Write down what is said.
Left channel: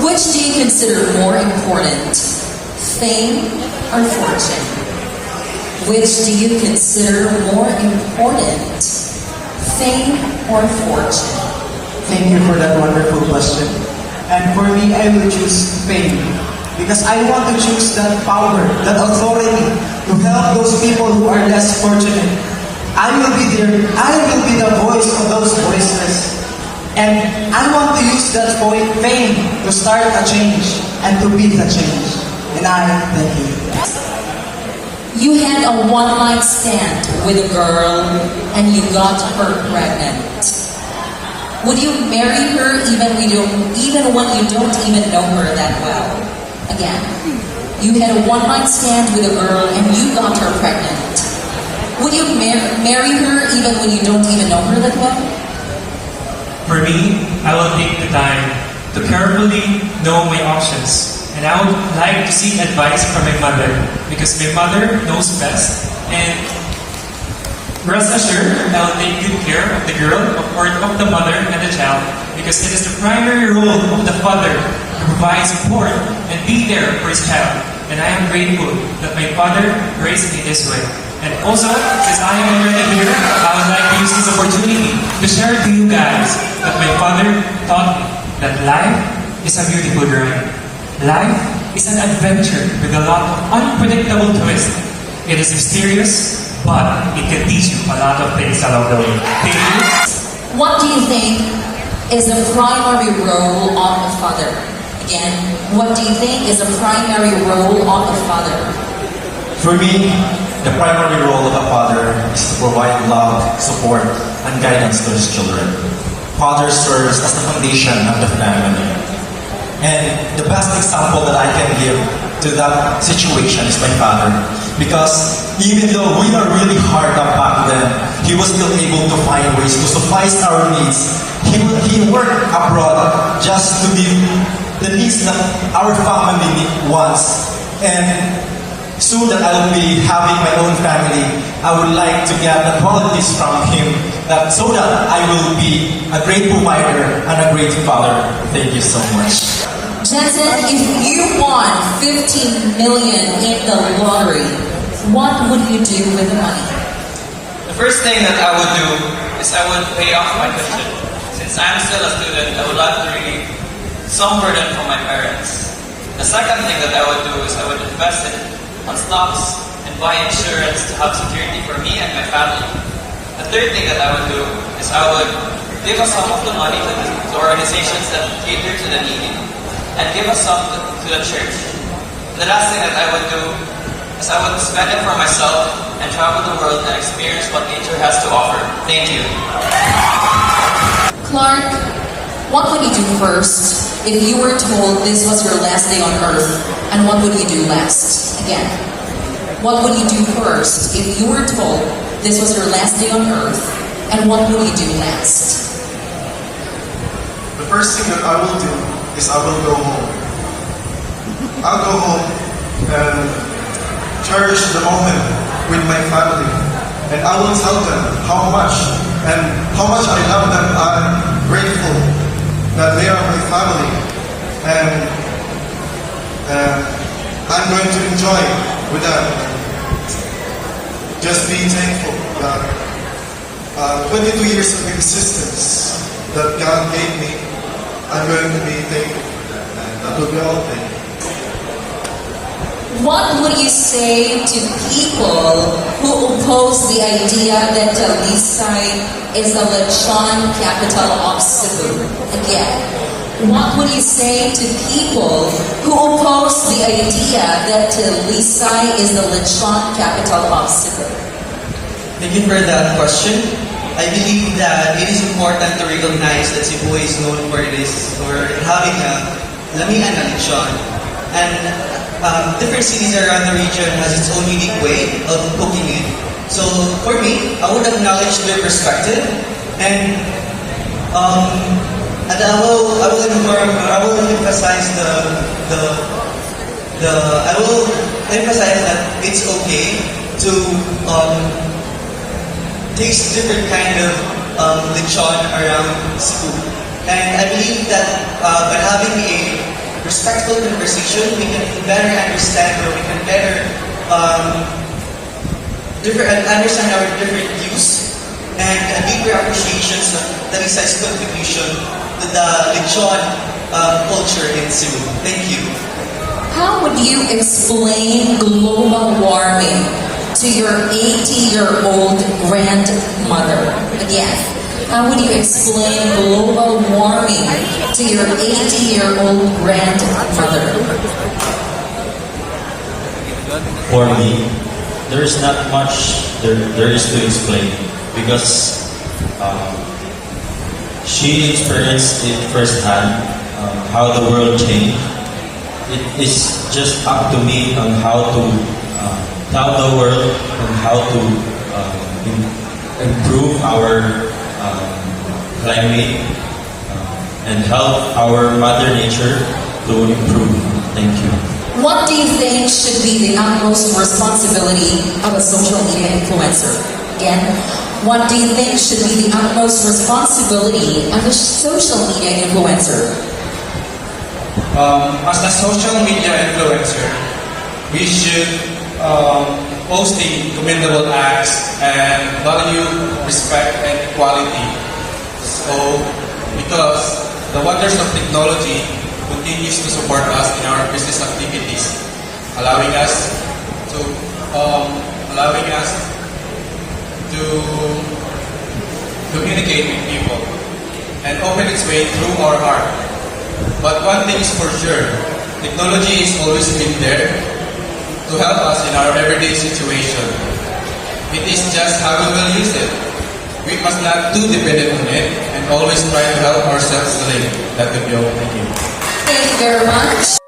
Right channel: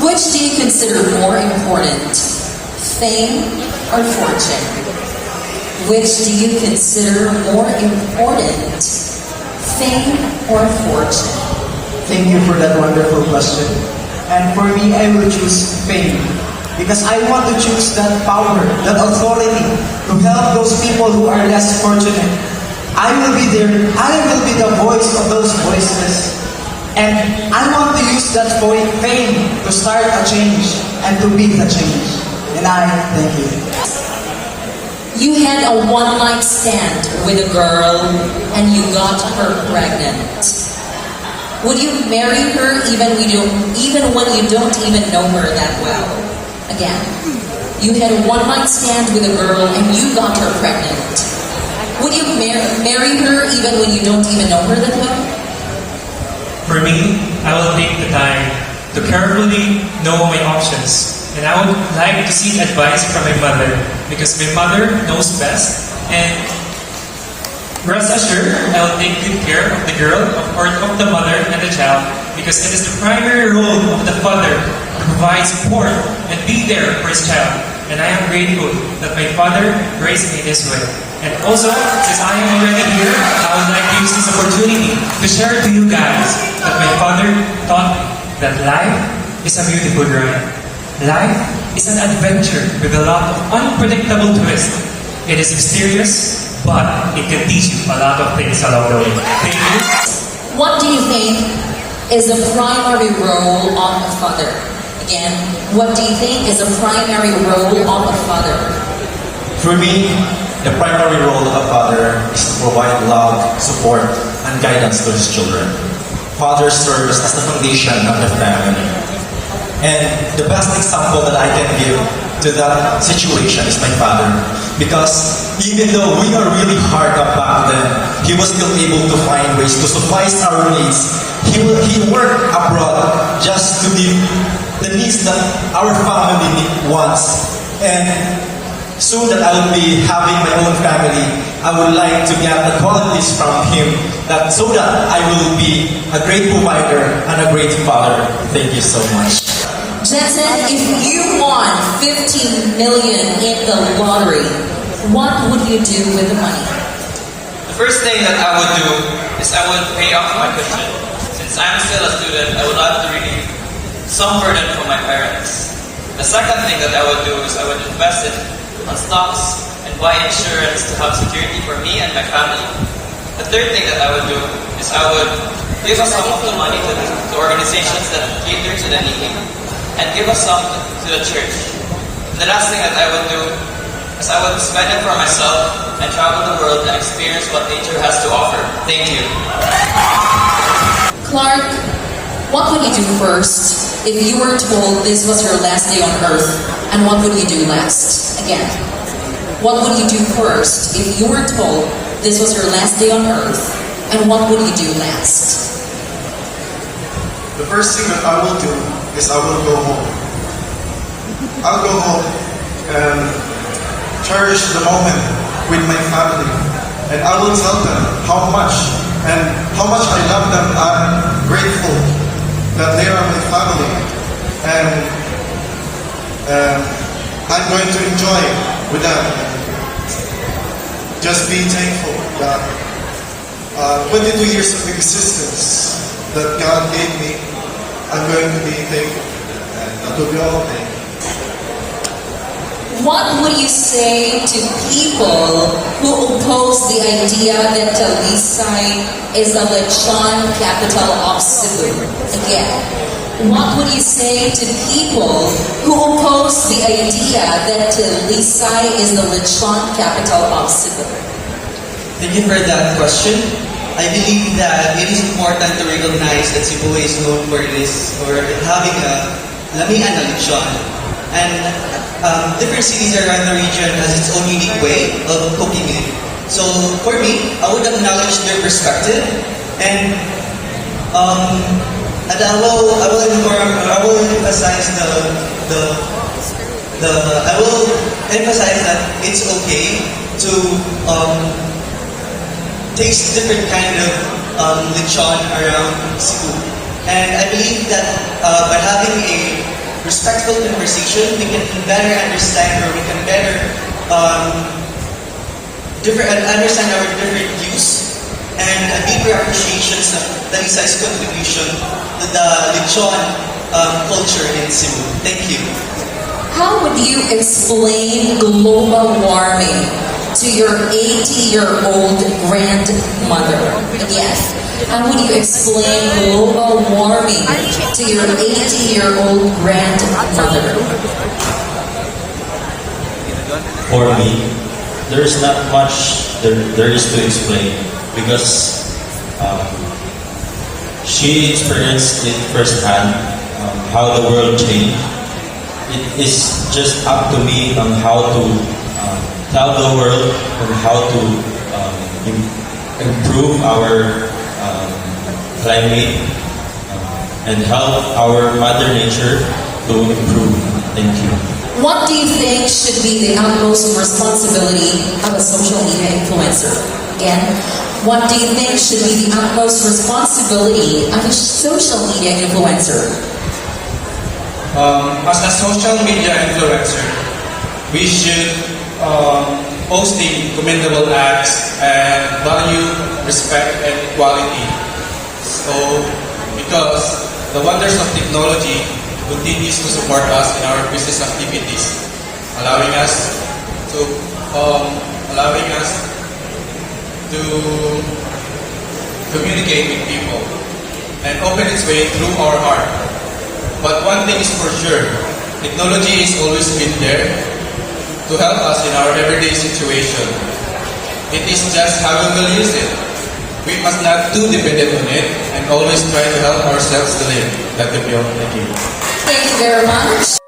Which do you consider more important, fame or fortune? Which do you consider more important, fame or fortune? Thank you for that wonderful question. And for me, I will choose fame. Because I want to choose that power, that authority to help those people who are less fortunate. I will be there. I will be the voice of those voices. And I want to use that fame to start a change and to be the change. And I thank you. You had a one-night stand with a girl and you got her pregnant. Would you marry her even when you don't even know her that well? Again, you had a one-night stand with a girl and you got her pregnant. Would you marry her even when you don't even know her that well? For me, I will take the time to carefully know my options. And I would like to seek advice from my mother because my mother knows best. And rest assured, I will take good care of the girl, of the mother and the child because it is the primary role of the father to provide support and be there for his child. And I am grateful that my father raised me this way. And also, since I am already here, I would like to use this opportunity to share to you guys that my father taught me that life is a beautiful journey. Life is an adventure with a lot of unpredictable twists. It is mysterious, but it can teach you a lot of things along the way. Thank you. What do you think is the primary role of a father? Again, what do you think is a primary role of a father? For me, the primary role of a father is to provide love, support, and guidance to his children. Father serves as the foundation of the family. And the best example that I can give to that situation is my father. Because even though we are really hard up back then, he was still able to find ways to suffice our needs. He worked abroad just to give the needs that our family wants. And soon that I will be having my own family, I would like to get the qualities from him so that I will be a great provider and a great father. Thank you so much. Jensen, if you won 15 million in the lottery, what would you do with the money? The first thing that I would do is I would pay off my tuition. Since I'm still a student, I would like to relieve some burden from my parents. The second thing that I would do is I would invest it on stocks and buy insurance to have security for me and my family. The third thing that I would do is I would give us some of the money to the organizations that cater to the needy and give us some to the church. The last thing that I would do is I would spend it for myself and travel the world and experience what nature has to offer. Thank you. Clark, what would you do first if you were told this was your last day on earth? And what would you do next? Again, what would you do first if you were told this was your last day on earth? And what would you do next? The first thing that I will do is I will go home. I'll go home and cherish the moment with my family. And I will tell them how much I love them. I'm grateful that they are my family. And I'm going to enjoy with them. Just be thankful that 22 years of existence that God gave me, I'm going to be thankful. And that will be all. What would you say to people who oppose the idea that Talisay is the lechon capital of Cebu? Again, what would you say to people who oppose the idea that Talisay is the lechon capital of Cebu? Thank you for that question. I believe that it is important to recognize that Cebu is known for having a lamian na lechon. And different cities around the region has its own unique way of cooking it. So for me, I would acknowledge their perspective and I will emphasize that it's okay to taste different kind of lechon around Cebu. And I believe that by having a respectful conversation, we can better understand, or we can better understand our different views, and a deeper appreciation of Talisay's contribution to the lechon culture in Cebu. Thank you. How would you explain global warming to your 80-year-old grandmother? Again, how would you explain global warming to your 80-year-old grandmother? For me, there is not much there is to explain because she experienced it firsthand, how the world changed. It is just up to me on how to tell the world on how to improve our climate and help our Mother Nature to improve. Thank you. What do you think should be the utmost responsibility of a social media influencer? Again, what do you think should be the utmost responsibility of a social media influencer? As a social media influencer, we should posting commendable acts and value, respect, and equality. So, because the wonders of technology continues to support us in our business activities, allowing us to communicate with people and open its way through our heart. But one thing is for sure, technology has always been there to help us in our everyday situation. It is just how we will use it. We must not too dependent on it and always try to help ourselves to live. That could be all. Thank you. Thank you very much.